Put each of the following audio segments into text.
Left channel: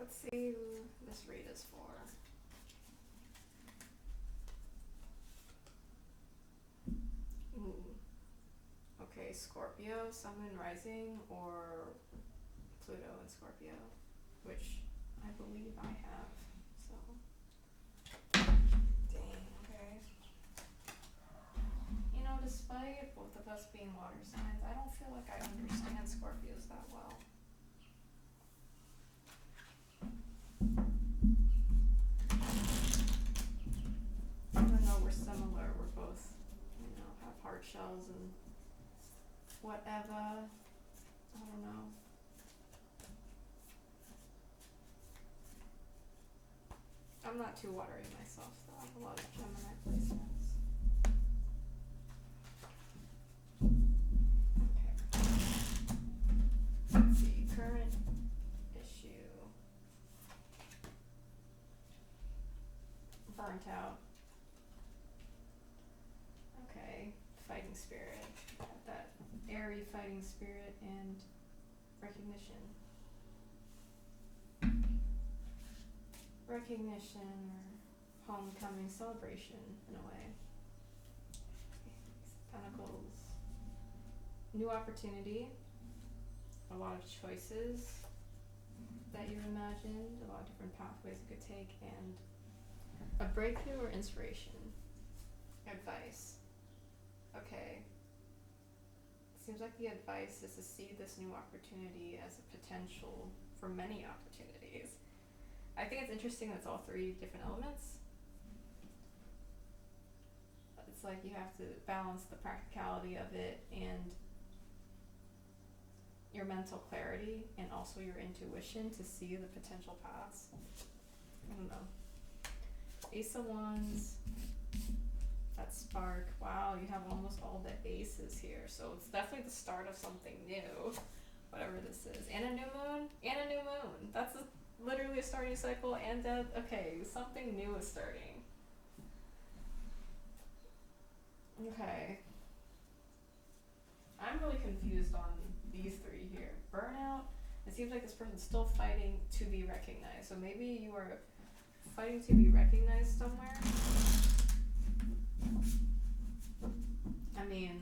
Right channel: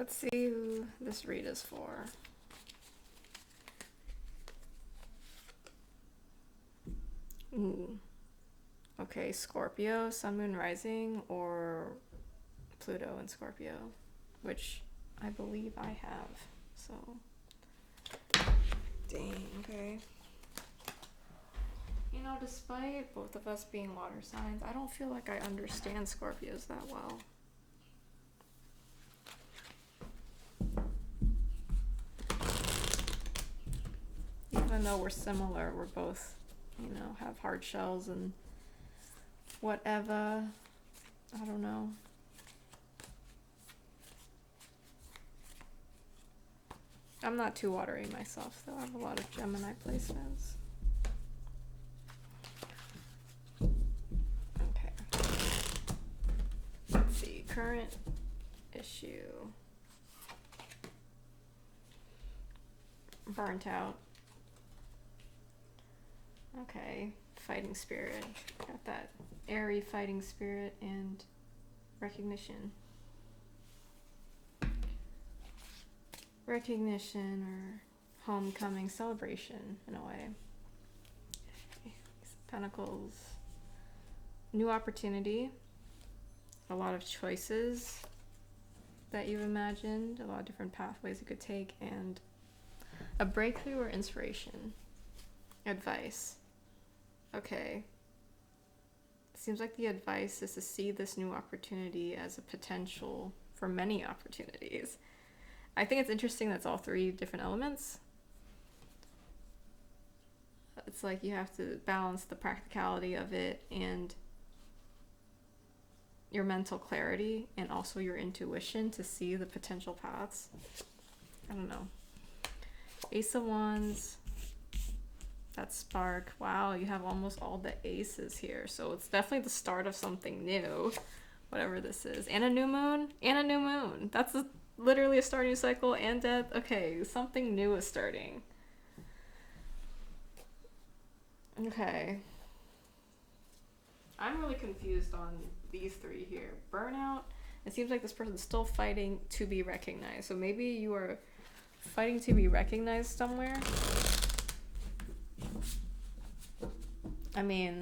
Let's see who this read is for. Ooh. Okay, Scorpio, Sun, Moon, Rising, or Pluto and Scorpio, which I believe I have. So, dang, okay. You know, despite both of us being water signs, I don't feel like I understand Scorpios that well. Even though we're similar, we're both, you know, have hard shells and whatever. I don't know. I'm not too watery myself, though. I have a lot of Gemini placements. Okay. Let's see. Current issue. Burnt out. Okay. Fighting spirit. Got that airy fighting spirit and recognition. Recognition or homecoming celebration in a way. Pentacles. New opportunity. A lot of choices that you imagined. A lot of different pathways you could take. And a breakthrough or inspiration. Advice. Okay. Seems like the advice is to see this new opportunity as a potential for many opportunities. I think it's interesting that's all three different elements. It's like you have to balance the practicality of it and your mental clarity and also your intuition to see the potential paths. I don't know. Ace of Wands. That spark. Wow, you have almost all the aces here. So it's definitely the start of something new. Whatever this is. And a new moon. And a new moon. That's literally a starting cycle and death. Okay, something new is starting. Okay. I'm really confused on these three here. Burnout. It seems like this person's still fighting to be recognized. So maybe you are fighting to be recognized somewhere. I mean,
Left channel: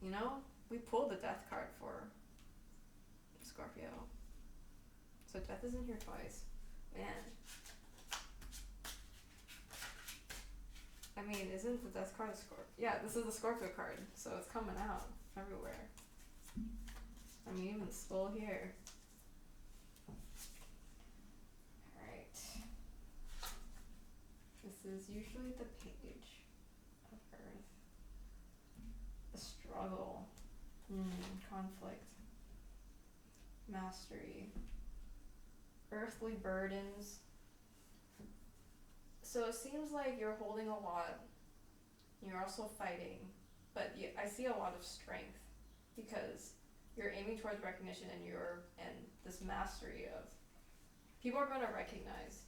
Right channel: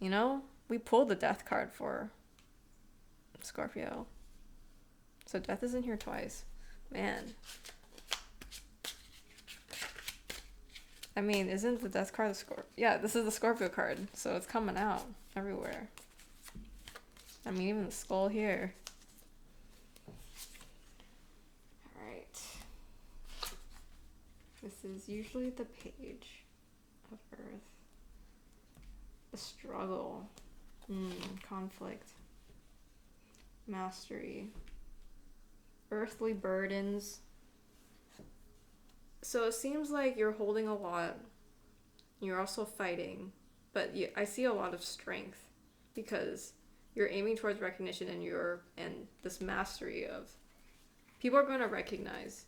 you know, we pulled the death card for Scorpio. So death is in here twice. Man. I mean, isn't the death card the Scorpio? Yeah, this is the Scorpio card. So it's coming out everywhere. I mean, even the skull here. Alright. This is usually the page of Earth. The struggle. Conflict. Mastery. Earthly burdens. So it seems like you're holding a lot. You're also fighting. But I see a lot of strength. Because you're aiming towards recognition and this mastery of... People are going to recognize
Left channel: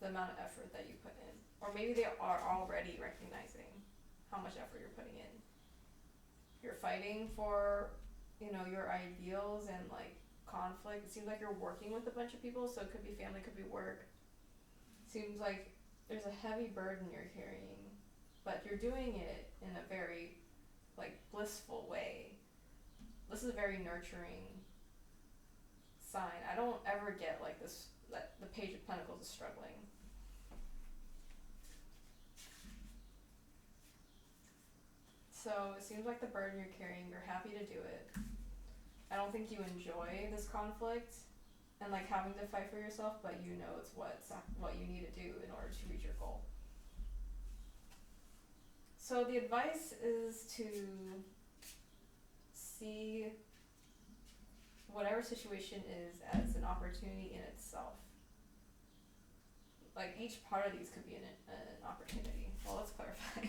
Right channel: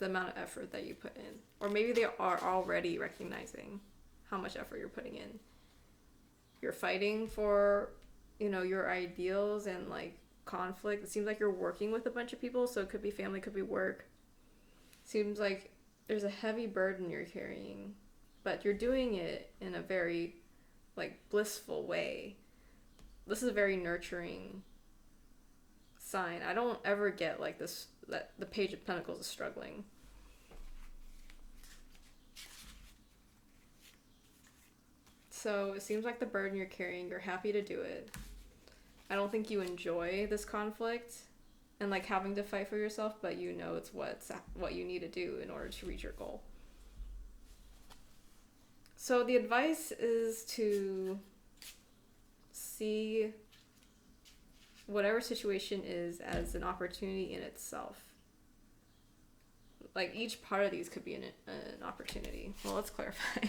the amount of effort that you put in. Or maybe they are already recognizing how much effort you're putting in. You're fighting for, you know, your ideals and like conflict. It seems like you're working with a bunch of people, so it could be family, could be work. Seems like there's a heavy burden you're carrying, but you're doing it in a very like blissful way. This is a very nurturing sign. I don't ever get like this, that the Page of Pentacles is struggling. So it seems like the burden you're carrying, you're happy to do it. I don't think you enjoy this conflict and like having to fight for yourself, but you know it's what you need to do in order to reach your goal. So the advice is to see whatever situation is as an opportunity in itself. Like each part of these could be an opportunity. Well, let's clarify.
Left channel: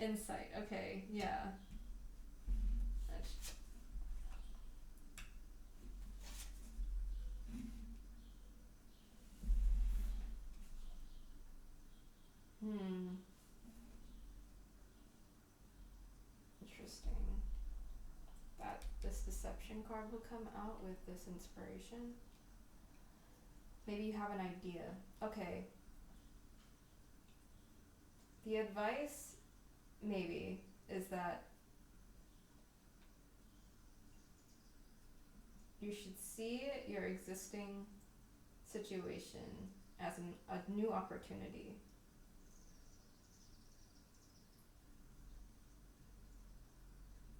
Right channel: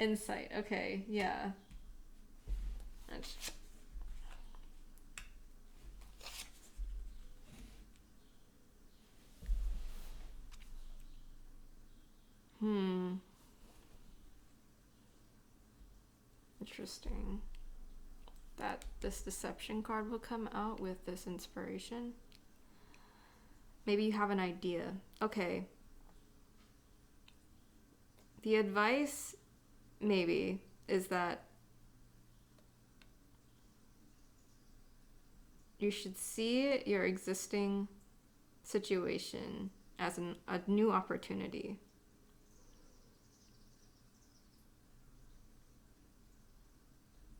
Insight. Okay, yeah. Interesting. That this deception card will come out with this inspiration. Maybe you have an idea. Okay. The advice, maybe, is that you should see your existing situation as a new opportunity.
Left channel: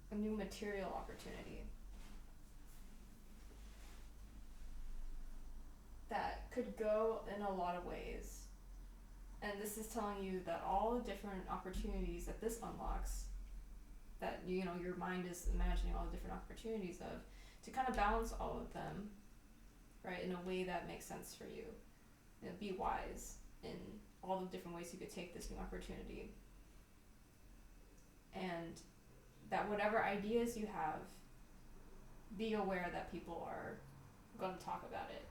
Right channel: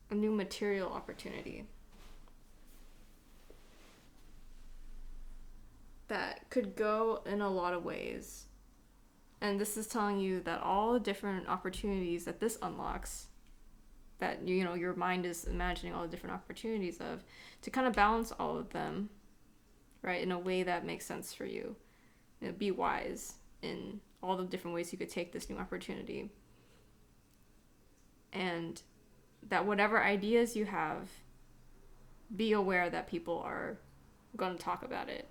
A new material opportunity that could go in a lot of ways. And this is telling you that all the different opportunities that this unlocks, that your mind is imagining all the different opportunities of, to kind of balance all of them, right, in a way that makes sense for you. Be wise in all the different ways you could take this new opportunity. And that whatever ideas you have, be aware that people are going to talk about it.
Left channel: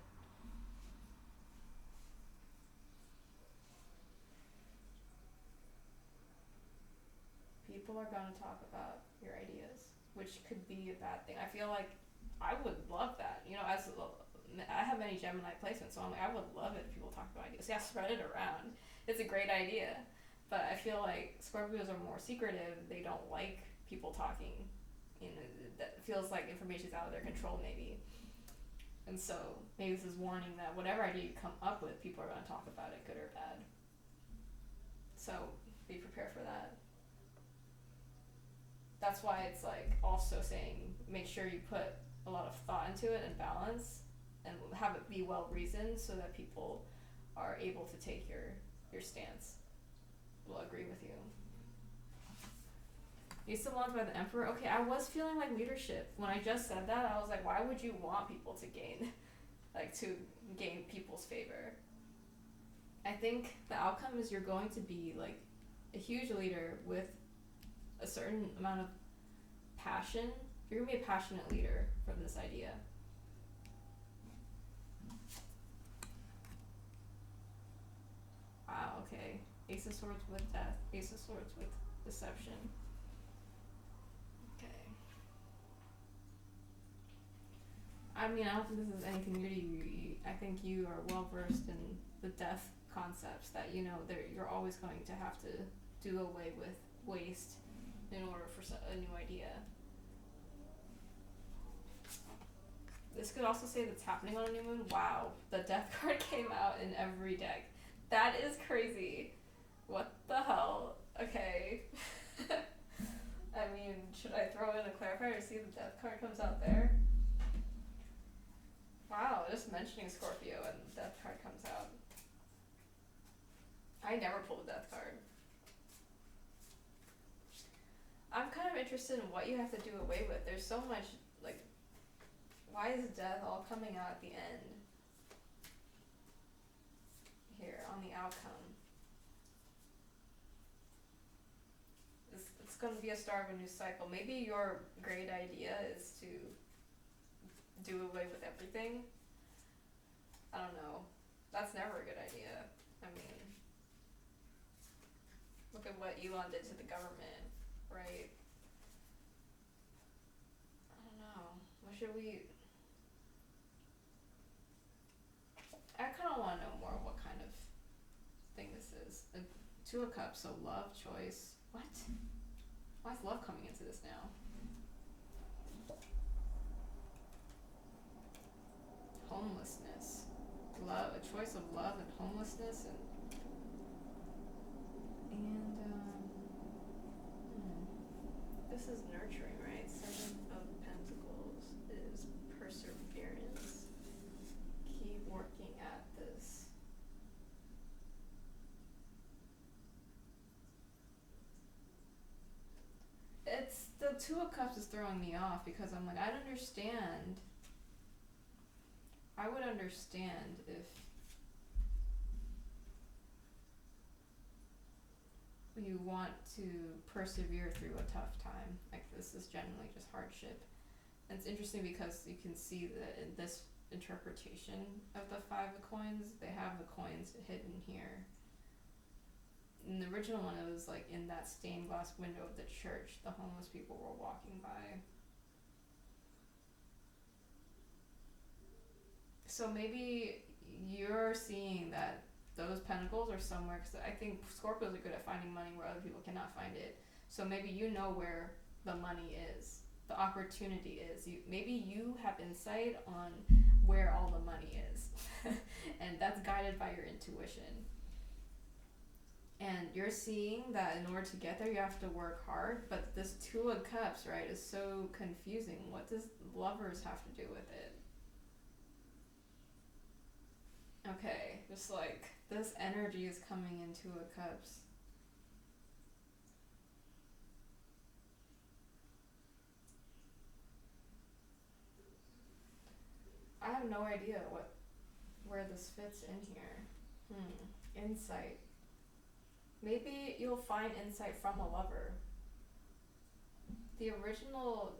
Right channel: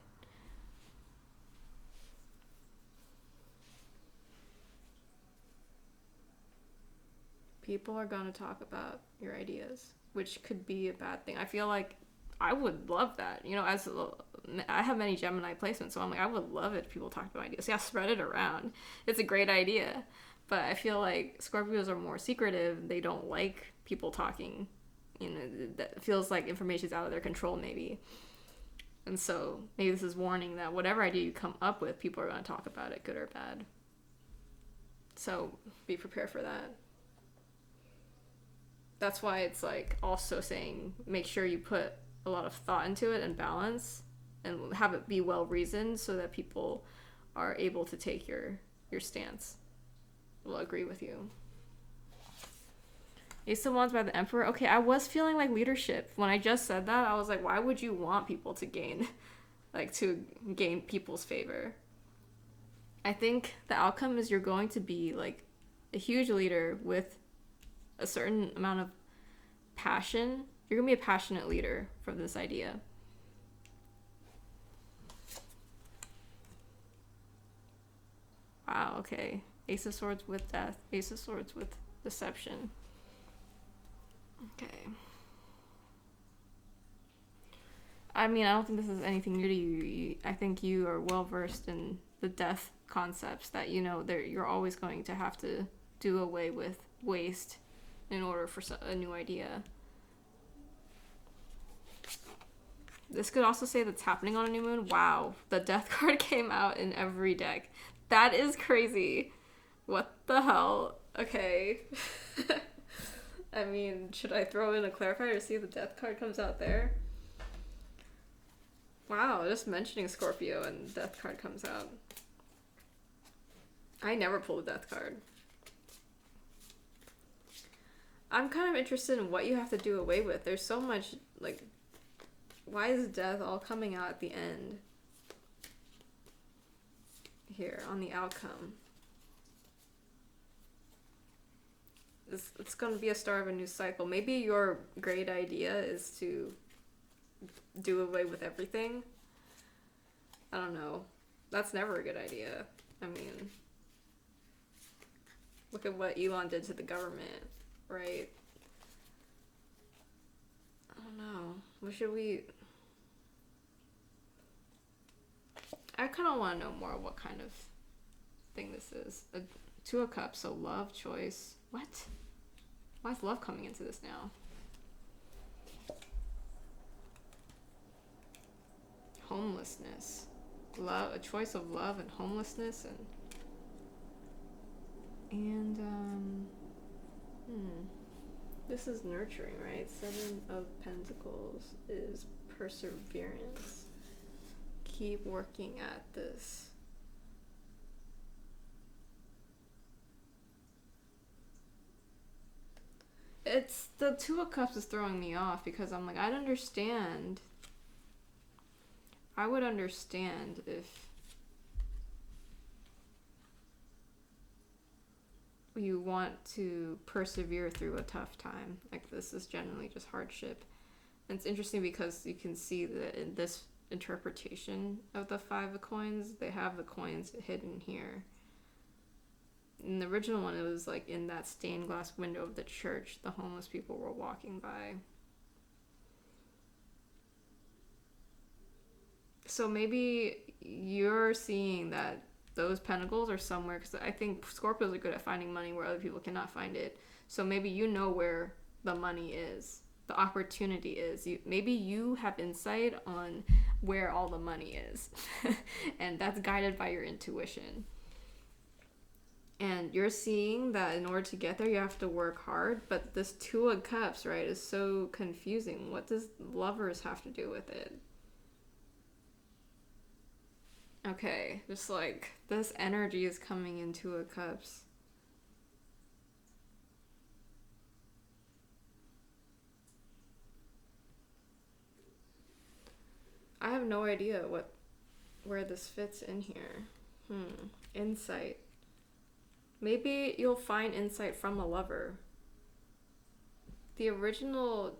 People are going to talk about your ideas, which could be a bad thing. I feel like I would love that. I have many Gemini placements, so I'm like, I would love it if people talk about ideas. Yeah, spread it around. It's a great idea. But I feel like Scorpios are more secretive. They don't like people talking. That feels like information's out of their control, maybe. And so maybe this is warning that whatever idea you come up with, people are going to talk about it, good or bad. So be prepared for that. That's why it's like also saying make sure you put a lot of thought into it and balance and have it be well reasoned so that people are able to take your stance. Will agree with you. Ace of Wands by the Emperor. Okay, I was feeling like leadership. When I just said that, I was like, why would you want people to gain people's favor? I think the outcome is you're going to be like a huge leader with a certain amount of passion. You're gonna be a passionate leader from this idea. Wow, okay. Ace of Swords with death. Ace of Swords with deception. Okay. I mean, I don't think this is anything new to you. I think you are well versed in the death concepts that you're always going to have to do away with waste in order for a new idea. This could also say that's happening on a new moon. Wow, the death card came out in every deck. That is crazy. What the hell? Okay. I mean, should I throw in a clarifier to see if the death card comes out there? Wow, just mentioning Scorpio and the death card comes out. I never pull the death card. I'm kind of interested in what you have to do away with. There's so much, like, why is death all coming out at the end? Here, on the outcome. It's going to be a start of a new cycle. Maybe your great idea is to do away with everything. I don't know. That's never a good idea. I mean, look at what Elon did to the government, right? I don't know. What should we... I kind of want to know more what kind of thing this is. A Two of Cups, so love, choice. What? Why is love coming into this now? Homelessness. Love, a choice of love and homelessness and this is nurturing, right? Seven of Pentacles is perseverance. Keep working at this. It's the Two of Cups is throwing me off because I'm like, I would understand if you want to persevere through a tough time. Like, this is generally just hardship. And it's interesting because you can see that in this interpretation of the Five of Coins, they have the coins hidden here. In the original one, it was like in that stained glass window of the church the homeless people were walking by. So maybe you're seeing that those pentacles are somewhere, because I think Scorpios are good at finding money where other people cannot find it. So maybe you know where the money is, the opportunity is. Maybe you have insight on where all the money is, and that's guided by your intuition. And you're seeing that in order to get there, you have to work hard. But this Two of Cups, right, is so confusing. What does lovers have to do with it? Okay, just like this energy is coming into a cups. I have no idea where this fits in here. Insight. Maybe you'll find insight from a lover. The original.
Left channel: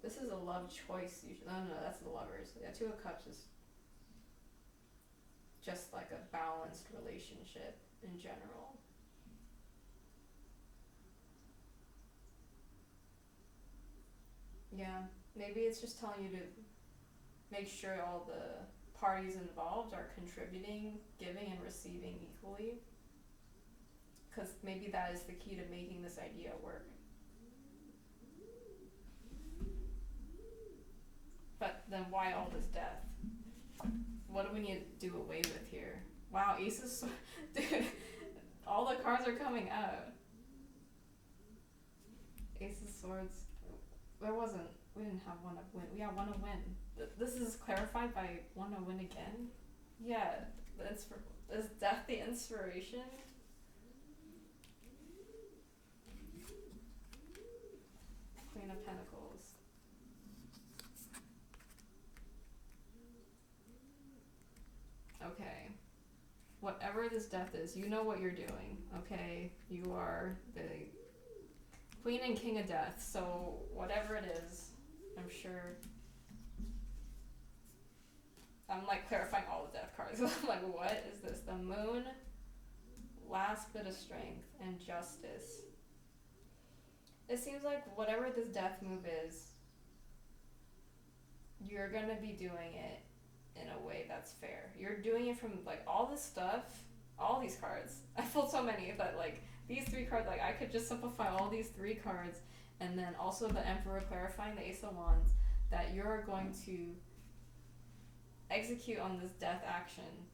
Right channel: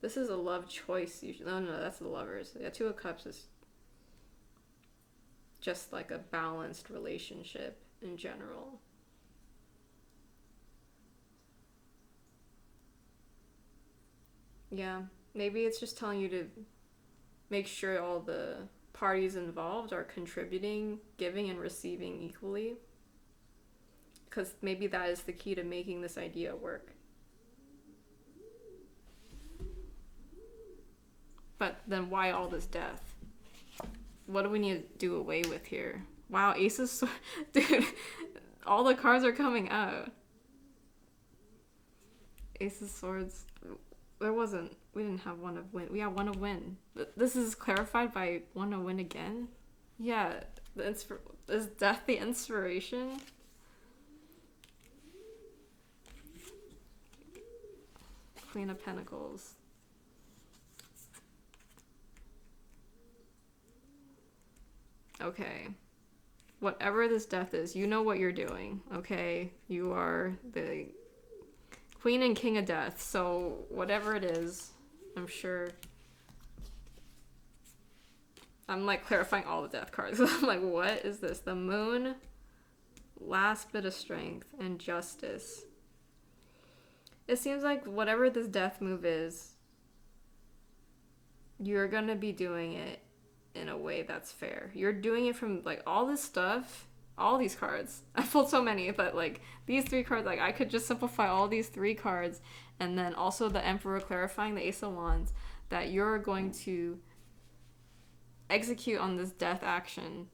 This is a love choice usually. No, that's the lovers. Yeah, Two of Cups is just like a balanced relationship in general. Yeah, maybe it's just telling you to make sure all the parties involved are contributing, giving and receiving equally. Because maybe that is the key to making this idea work. But then why all this death? What do we need to do away with here? Wow, Aces, dude, all the cards are coming out. Ace of Swords. We didn't have one of win. We have one of win. This is clarified by one of win again? Yeah, is death the inspiration? Queen of Pentacles. Okay. Whatever this death is, you know what you're doing, okay? You are the Queen and King of Death, so whatever it is, I'm sure. I'm like clarifying all the death cards. I'm like, what is this? The Moon, last bit of strength, and Justice. It seems like whatever this death move is, you're gonna be doing it in a way that's fair. You're doing it from like all this stuff, all these cards. I pulled so many, but like these three cards, like I could just simplify all these three cards, and then also the Emperor clarifying the Ace of Wands, that you're going to execute on this death action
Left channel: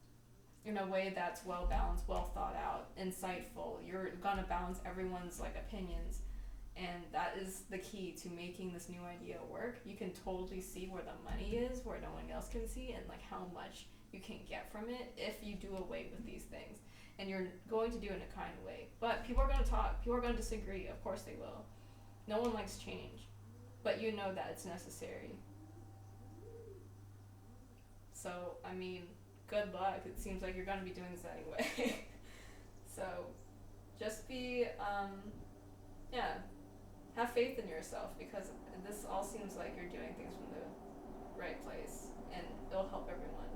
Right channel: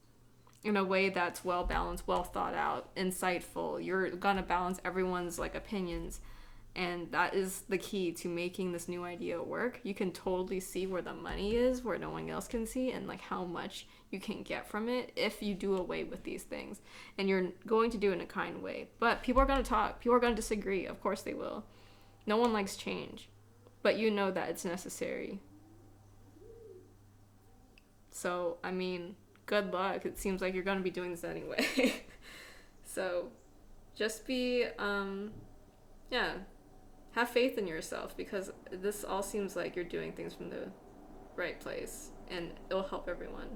in a way that's well balanced, well thought out, insightful. You're gonna balance everyone's like opinions, and that is the key to making this new idea work. You can totally see where the money is, where no one else can see, and like how much you can get from it if you do away with these things. And you're going to do it in a kind way. But people are going to talk. People are going to disagree. Of course they will. No one likes change. But you know that it's necessary. So, I mean, good luck. It seems like you're going to be doing this anyway. So, just be, have faith in yourself, because this all seems like you're doing things from the right place, and it'll help everyone.